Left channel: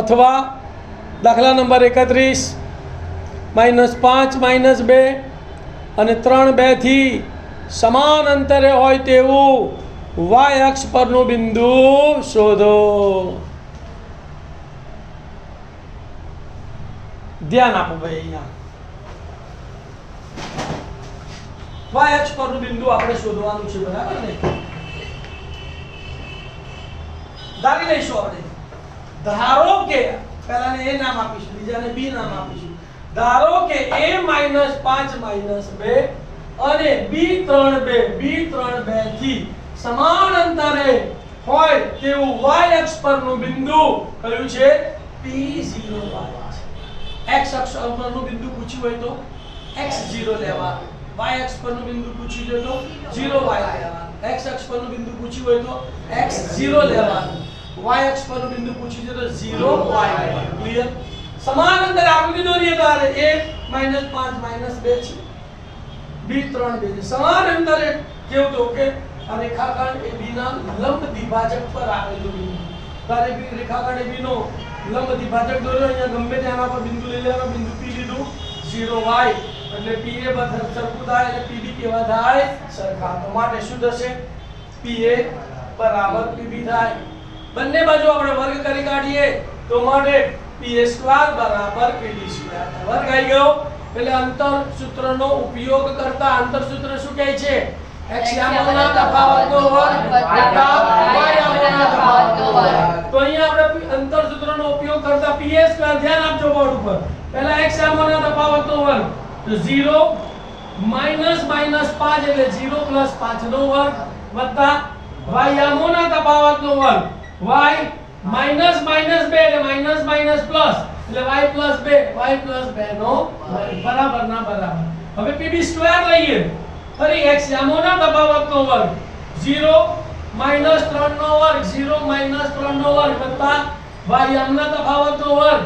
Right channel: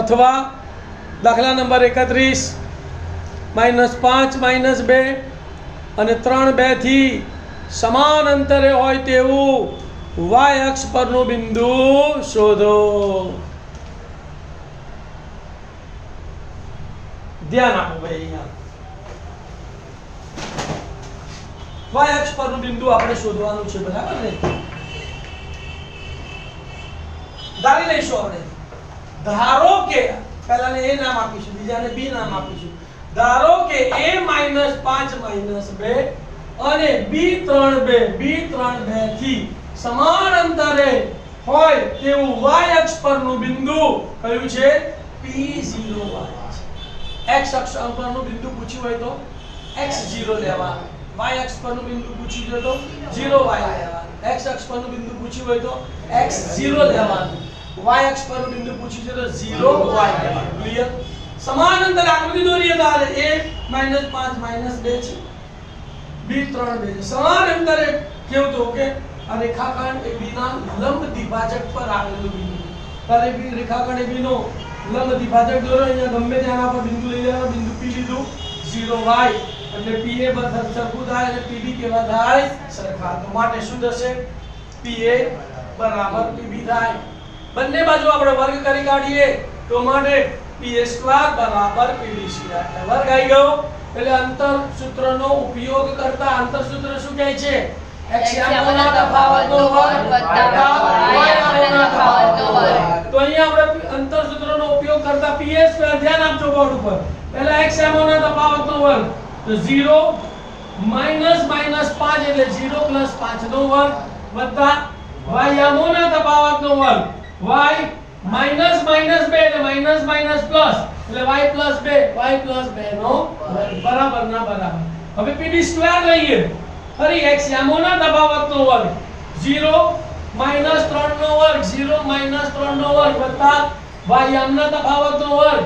अथवा दाखला नंबर 31 -5 -2 અને 3 2 થી સમાન અંતરે હોય તેવું y અક્ષ પરનું બિંદુ શોધો. ધ્યાન આપો ભાઈ. અહીંયા y અક્ષ પરનું બિંદુ આપણે શોધવાનું છે, બરાબર ને? ધારી લઈશું આપણે. ધારો કે પહેલાને a નામ આપીશું, બીજાને b નામ આપીશું. ધારો કે a -5 -2 અને b3 2 થી સમાન અંતરે હોય તેવું y અક્ષ પરનું બિંદુ કયું છે? P0 વાળા છે. x અક્ષ પરનું બિંદુ પૂછ્યું હોય તો x0 લેવાનું, y અક્ષ પરનું બિંદુ પૂછ્યું હોય તો 0y લેવાનું, x અક્ષ પરનું બિંદુ પૂછ્યું હોય તો x0 લેવાનું, y અક્ષ પરનું બિંદુ પૂછ્યું છે તો 0y લેવાનું. ક્લિયર? સમાન અંતરે આકૃતિ દોરીએ તો a -5 -2 છે, b3 2 છે. સમાન અંતરે કેવું તો કે આ રેખાખંડ AB ના લંબ દ્વિભાજક પર આવેલું બિંદુ. તારે બી રેખાખંડ AB નો લંબ દ્વિભાજક દોરો. અહીંયા ગમે ત્યાં પર બિંદુ લઈ લેવાનું. બિંદુ P લીધું, 0y એટલે PA બધા સરખું થાય અને PB કેવા થાય? સરખા. તો માટે શું થશે? PA બરાબર PB થાય. બંને બાજુ આપણે વર્ગ કરી કાઢીએ તો માટે PA² બરાબર PB². વર્ગ આવી ગયો એટલે અંતર સૂત્રનો ઉપયોગ કરતા અંતર સૂત્ર શું કહે છે? x યામોના તફાવતનો વર્ગ વત્તા y યામોના તફાવતનો વર્ગ. તો અહીંયા આપણે અંતર સૂત્રનો ઉપયોગ કરતા PA². ધ્યાન આપજો બોર્ડ ઉપર. પહેલા x યામોના તફાવતનો વર્ગ તો 0 -5 એટલે 0 + 5 નો વર્ગ વત્તા y યામોના તફાવતનો વર્ગ y -2 એટલે માઈનસ પ્લસ એટલે y + 2 નો વર્ગ બરાબર ના બરાબર. હવે PB² લઈએ. ફરી x યામોના તફાવતનો વર્ગ 0 -3 નો વર્ગ 0 -3 નો વર્ગ વત્તા y યામના તફાવતનો વર્ગ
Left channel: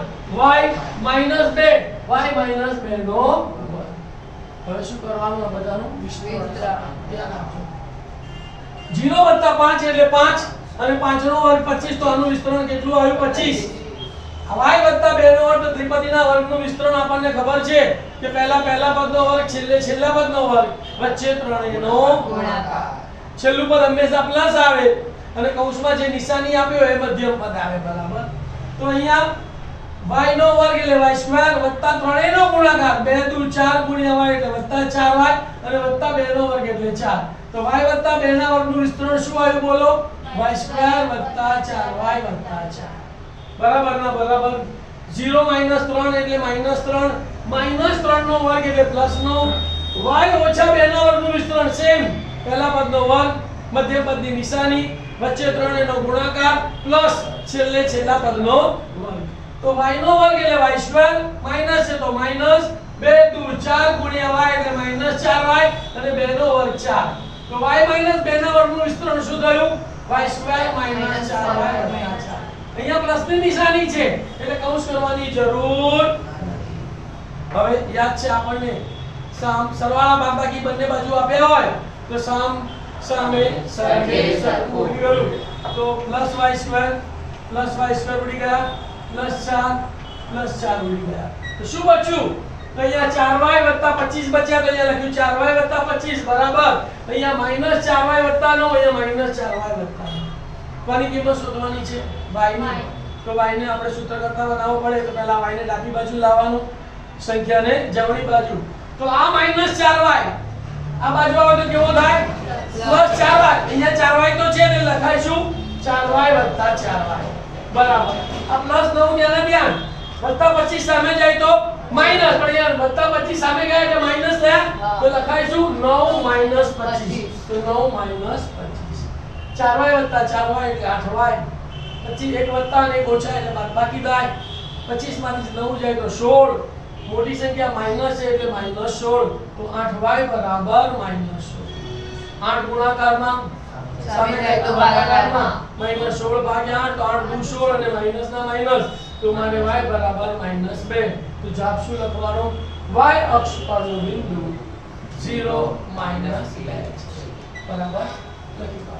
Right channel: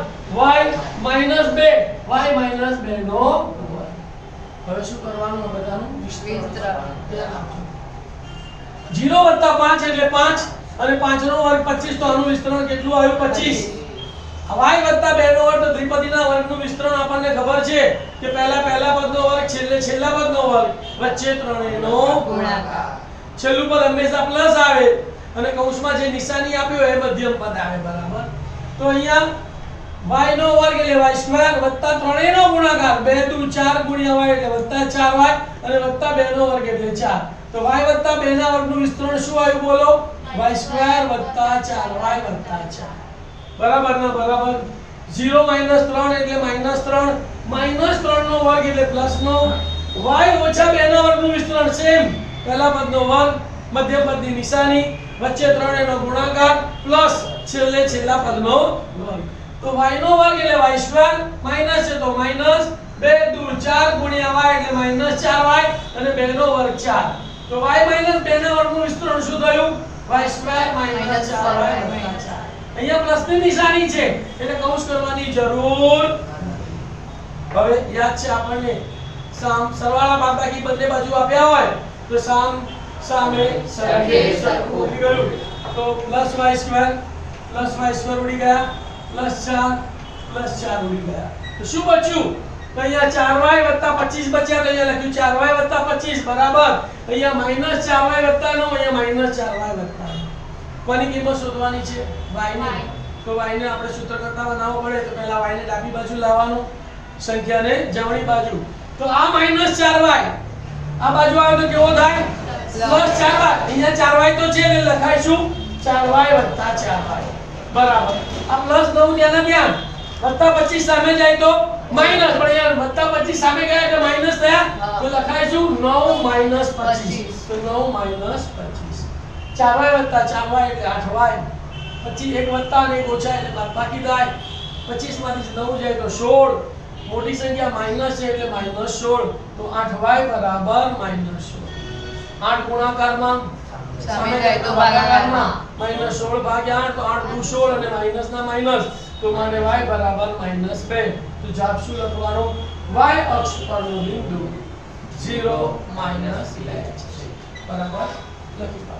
y -2 નો વર્ગ. હવે શું કરવાનું? આ બધાનું વિસ્તરણ ધ્યાન આપજો. 0 + 5 એટલે 5 અને 5 નો વર્ગ 25. તો આનું વિસ્તરણ કેટલું આવ્યું? 25. y + 2 નો વર્ગ તો ત્રિપદીના વર્ગનું વિસ્તરણ આપણને ખબર છે કે પહેલા પદનો વર્ગ છેલ્લા પદનો વર્ગ વચ્ચે ત્રણેયનો ગુણાકાર. છેલ્લું પદ હંમેશા પ્લસ આવે અને કૌંસમાં જે નિશાની આપ્યો એ મધ્યમ પદ આવે, બરાબર? તો અહીંયા y નો વર્ગ એટલે y² વત્તા ત્રણેયનો ગુણાકાર 2 × 4 × y એટલે વત્તા 4y અને વત્તા 2 નો વર્ગ એટલે 4. તો y + 2 ના વર્ગનું વિસ્તરણ શું આવ્યું બોલો? y² + 4y + 4. બરાબર ના બરાબર? 0 - 3 એટલે -3 -3 નો વર્ગ એટલે પ્લસ નો y - 2 ના વર્ગનું વિસ્તરણ સેમ. પહેલા પદનો વર્ગ, મધ્ય પદની નિશાની, વચ્ચે ત્રણેયનો ગુણાકાર પ્લસ છેલ્લા પદનો વર્ગ. તો y નો વર્ગ એટલે y² માઈનસ છે તો -2 × 4 × y એટલે -4y અને 2 નો વર્ગ 4. તો y - 2 ના વર્ગનું વિસ્તરણ શું થયું? y² - 4y + 4. અહીંયા પ્લસની નિશાની છે એટલે કૌંસ કરવાની જરૂર. હવે યાદ છે આપણને સરવાળા બાદબાકી બંને બાજુ આપ્યા હોય તો સામે સરખે સરખું ઉડી ગયું. તો +y² ઉડી ગયા, +4 ઉડી ગયા. તો શું બચ્યું? તો અહીંયા 4y + 25 બચ્યા. તો અહીંયા લખ્યું 4y + 25 બરાબર. અહીંયા -4y + 9, અહીંયા -4y + 9. કોની કિંમત શોધવાની છે? y ની. તો y ને આપણે સૂત્ર કરતા બનાવવો પડે તો પહેલા y ને ડાબી બાજુ લાવવાનું, સંખ્યાને જમણી બાજુ. તો આ -4y આ બાજુ આવે તો કેવો થાય? +4y. અહીંયા 4y તો છે એટલે લખાઈશું 4y + 4y બરાબર. આ +9 ધ્યાન +25 સામે જાય તો માઈનસ, પણ યાર +25 સામે ગયા એટલે માઈનસ થયા તો લખાઈશું 9 - 25. તો 9 - 25. 4y + 4y એટલે 8y. પછી એક વત્તા અને એક ઓછા એટલે બાદબાકી થાય. 25 માંથી 9 જાય તો 16. મોટી સંખ્યા માઈનસ છે એટલે -16. તો 8y બરાબર -16. 8 ગુણાકારમાં સામે જાય તો ભાગાકારમાં -16 ભાગ્યા 8 તો 8 × 16 અને માઈનસ ના માઈનસ. તો મારે y બરાબર -2. તો જવાબ શું લખવાનો? y અક્ષ પરનું બિંદુ 0 - 2 બરાબર લખી દો.